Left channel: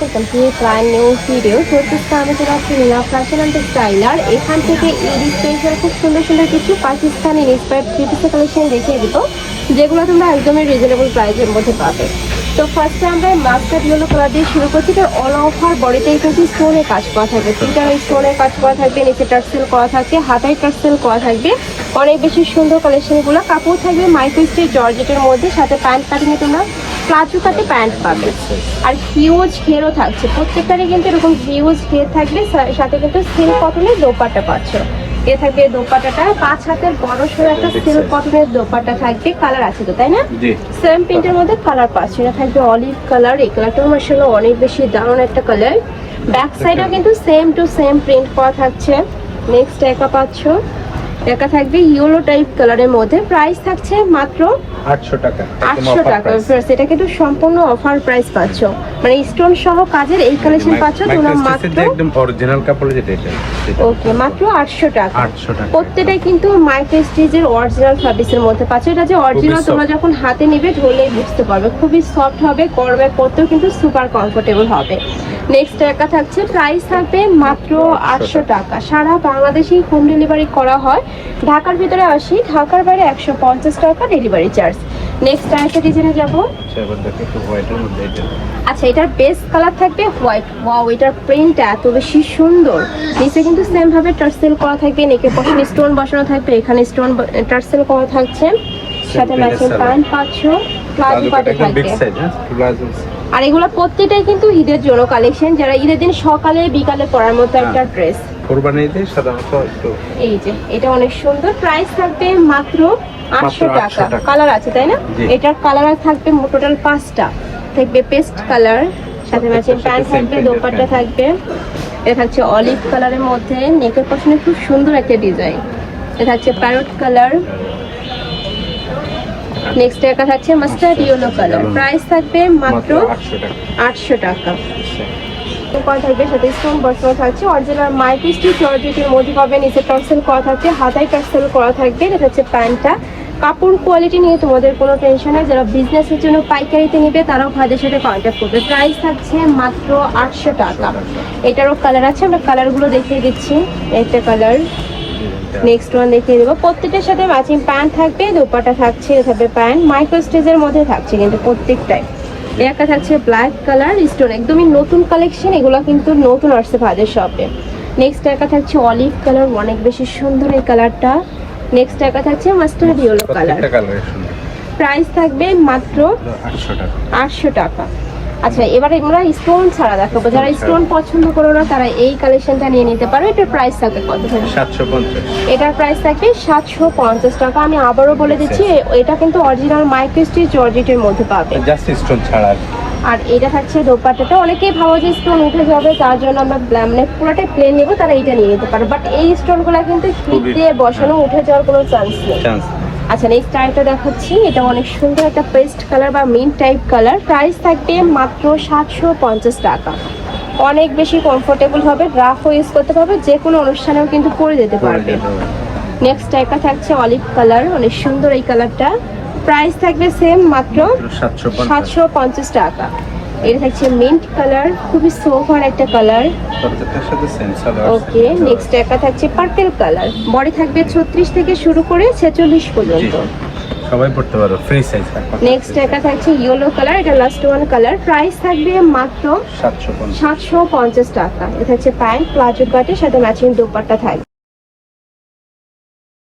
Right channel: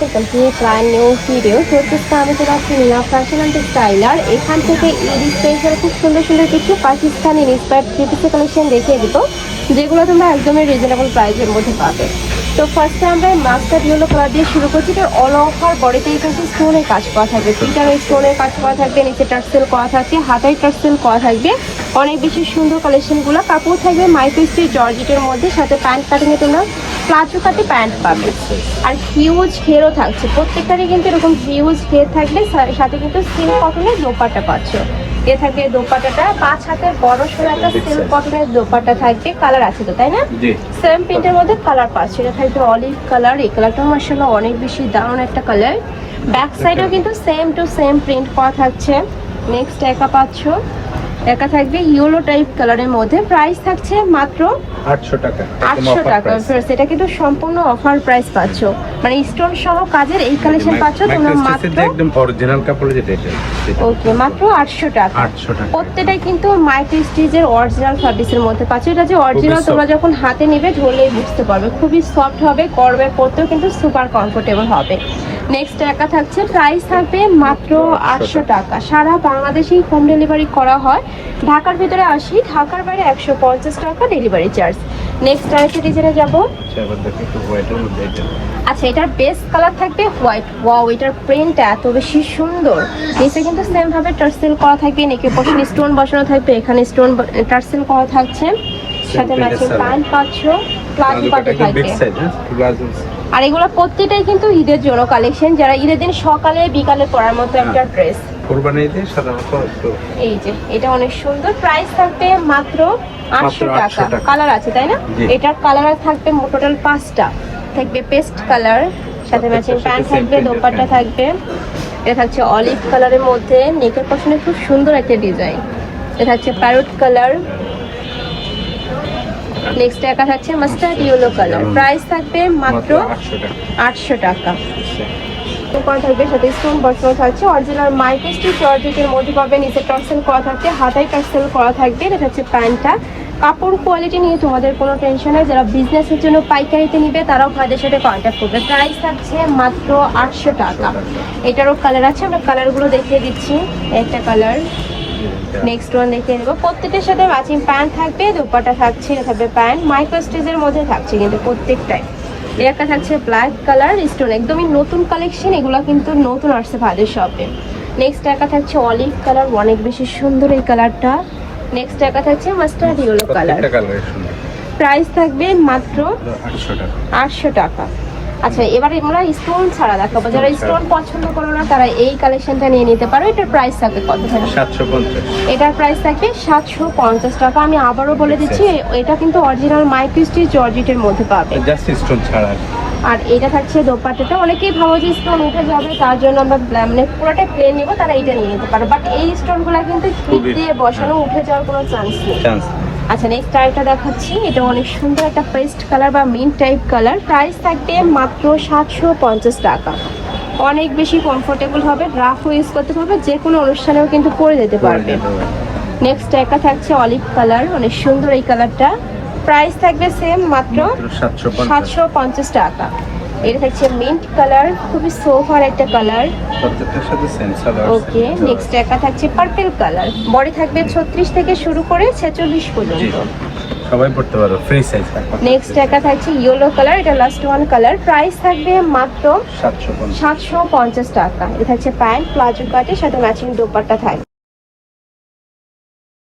Welcome to brand new video. চলতেছে আমাদের নীলা fashion and styler. এখান থেকে ঈদ স্পেশাল খুব সুন্দর সুন্দর কিছু পাকিস্তানি ইন্সপায়ার্ড কুর্তি কালেকশন দেখিয়ে দিত, যেগুলো তোমরা একদমই রিজনেবল প্রাইসের মধ্যে পাবে। তো ফার্স্টে আমরা মাস্টার্ড ইয়েলো কালার দিয়ে শুরু করছি। তো অল ওভার বডিতেই কিন্তু স্টোনের কাজ করা থাকবে, পিটারে স্টোনের কাজ করা থাকবে, নিচে টার্সেল করা থাকবে, হাতায় টার্সেল করা থাকবে। অনেক বেশি সুন্দর কালেকশনগুলো। কাপড় থাকবে মাইক্রোস্টিচ জর্জেটের মধ্যে, সাথে প্যান্ট কাটিংয়ে তোমার প্লাজো কাটি প্যান্ট পাবে। আর হিউজ ঘেরও থাকছে, প্রত্যেকটারই কিন্তু এরকম হিউজ ঘের থাকবে, সাথে কিন্তু সিল্ক কটনের দোপাট্টা পাচ্ছ। এ থাকবে দোপাট্টাটা 5 হাতের বড় সড়ো একটা সিল্ক কটনের দোপাট্টা থাকবে। কালার আছে তো, তাই না? সেম প্রিন্টের মধ্যে কালার পাচ্ছ। এটা থাকবে অলিভ কালার। এই কালারটাও মাশাআল্লাহ অনেক বেশি দারুণ একটা কালার। ব্যাক সাইডেও কিন্তু সেম টু সেম প্রিন্ট করা থাকছে। নেক্সট একা পাচ্ছ, এটা থাকবে ইয়েলো টাইপ কালারের মধ্যে। প্রাইস থাকছে মাত্র 800 টাকা। 800 টাকা। এটা কিন্তু সম্পূর্ণ অফার প্রাইস পাচ্ছ, মানে স্টোন সহ কাজের এই কালেকশন পাচ্ছ তোমরা মাত্র একদম অরিজিনাল কাপড় যেটা এটা। ওকে, মাত্র 800 টাকা। 800 টাকা। প্রত্যেকটাই কিন্তু মাইক্রো স্টিচের অরিজিনাল ফ্যাব্রিক্সের মধ্যে পাচ্ছ। এটা যে অরিজিনাল তোমরা যখন হাতে নেবে ধরলেই বুঝতে পারবে, খুবই সফট হবে, গরমে পরতেও কিন্তু সুপার কমফোর্টেবল হবে। নেক্সট টাকা থাকছে, প্রাইস থাকবে মাত্র 800 টাকা। সারা বাংলাদেশেই হোম ডেলিভারি করা হয়। ঢাকার ভিতরে 80, ঢাকার বাইরে 150 টাকা ডেলিভারি চার্জ। নেক্সট আরেকটা ডিজাইনে যাবো। আচ্ছা, এটার বেস্ট কালার থাকবে হোয়াইট। ওয়াও, এটার প্রিন্টটা এত বেশি সুন্দর। নিচে কিন্তু সেম ভাবে টার্সেল করা থাকবে, নেকের পাশে স্টোন বসানো থাকবে, এখানে স্টোন টার্সেল করা থাকছে, সাথে ম্যাচিং প্যান্ট পাচ্ছ, প্লাজো পাটে থাকবে। আর এগুলো প্রত্যেকটাই কিন্তু ঈদের জন্য কালেকশন, যারা ঈদের দিন সকালে বিকালে পরার মতো একটা ড্রেস। এই যে এটা অনেক সুন্দর। প্রাইস থাকবে মাত্র 800 টাকা। কালার আছে তাই না? এটার কালার থাকবে টোটাল 5টা। থাকবে পেস্ট কালার, সাথে ম্যাচিং প্যান্ট থাকবে, দোপাট্টা থাকবে। এটা থাকছে অলিভ কালারের মধ্যে, নেকের পাশে খুব সুন্দর একটা ডিজাইন। এটা হচ্ছে প্যারট কালার। নেক্সট একটা থাকছে মাস্টার্ড ইয়েলো কালার। প্রাইস থাকবে মাত্র 800 টাকা। থাকবে সাথে স্টোন বসানো থাকছে, অরিজিনাল মাল্টি স্টিচ জর্জেটের মধ্যে পাবে, নিচে টার্সেল করা থাকছে, হাতায় টার্সেল করা থাকবে। এটা হচ্ছে প্যান্টটা। কাপড় কোয়ালিটি নিয়ে তোমাদের কোনো টেনশন নেই। যারা বিজনেসের জন্য পাইকারিতে নেবে তারাও ভাইদের সাথে কন্ট্যাক্ট করবে। প্রাইস থাকছে মাত্র 800 টাকা। এটারও কালার আছে, আমরা কালারগুলো দেখিয়ে দিচ্ছি। একটা কালার, নেক্সট ওয়ান দেখিয়ে দেবো। প্রত্যেকটার সাথে ম্যাচিং প্যান্ট থাকবে, দোপাট্টা থাকছে, থাকবে প্যান্ট মাইক্রো স্টিচের মধ্যে থাকছে কিন্তু প্রত্যেকটাই। একটা থাকছে ব্ল্যাক কালার স্টোন, একদমই নতুন কালেকশন, এগুলো কিন্তু নতুন আসছে ভাদের শপে। নেক্সট একটা থাকছে অলিভ কালার, অনেক বেশি সুন্দর এই কালারটা। নেক্সট একটা থাকছে মাস্টার্ড ইয়েলো কালার। প্রাইস থাকবে মাত্র 800 টাকা। আচ্ছা, এবার আমরা স্টোন ছাড়া দেখাবো। যারা স্টোন পছন্দ করো না তারা এই কালেকশনটা নিয়ে নিতে পারো। এটার প্রাইস থাকে কত? 750। এটার প্রাইস থাকে 750 টাকা। আমি আবারও বলে দিচ্ছি, এটা কিন্তু অরিজিনাল মাইক্রো স্টিচ জর্জেটের মধ্যে পাবে, জাস্ট স্টোন ছাড়া। আর এটা থাকছে দোপাট্টাটা। অনেকেই ভাবো যে স্টোন উঠে যাবে, তার জন্য আমরা পুরোটাই প্লেন নেবো, তারা এটা নিয়ে নিতে পারে। বাট এই স্টোনগুলো কিন্তু ক্লিপ দিয়ে বসানো, উঠে যাওয়ার কোনো চান্স নেই। আচ্ছা, নেক্সট আরেকটা দেখাচ্ছি। এটা অনেক সুন্দর একটা পেস্ট কালার বা মিন্ট টাইপ কালার। প্রাইস থাকবে মাত্র 750 টাকা। অনেক বেশি কমফোর্টেবল হবে, ড্রাফটও ইউজ করতে পারবে, যে কোনো অনুষ্ঠানেও কিন্তু পরে যেতে পারবে। নেক্সট একটা থাকছে অলিভ কালার, অনেক সুন্দর এই কালারটা। প্রাইস থাকবে সেম মাত্র 750 টাকা। এটা থাকছে মিন্ট কালার, খুবই সোফার একটা কালার। ওকে, নেক্সট একটা থাকছে পার্পল কালার। বডি থাকবে 36 থেকে শুরু করে 46 পর্যন্ত। নেক্সট একটা থাকছে ইয়েলো কালার, এটা লাস্ট ওয়ান কালার। প্রাইস থাকবে মাত্র 750 টাকা। এটা হচ্ছে প্যান্ট প্লাজো কাটের সাথে ম্যাচিং দোপাট্টা থাকবে।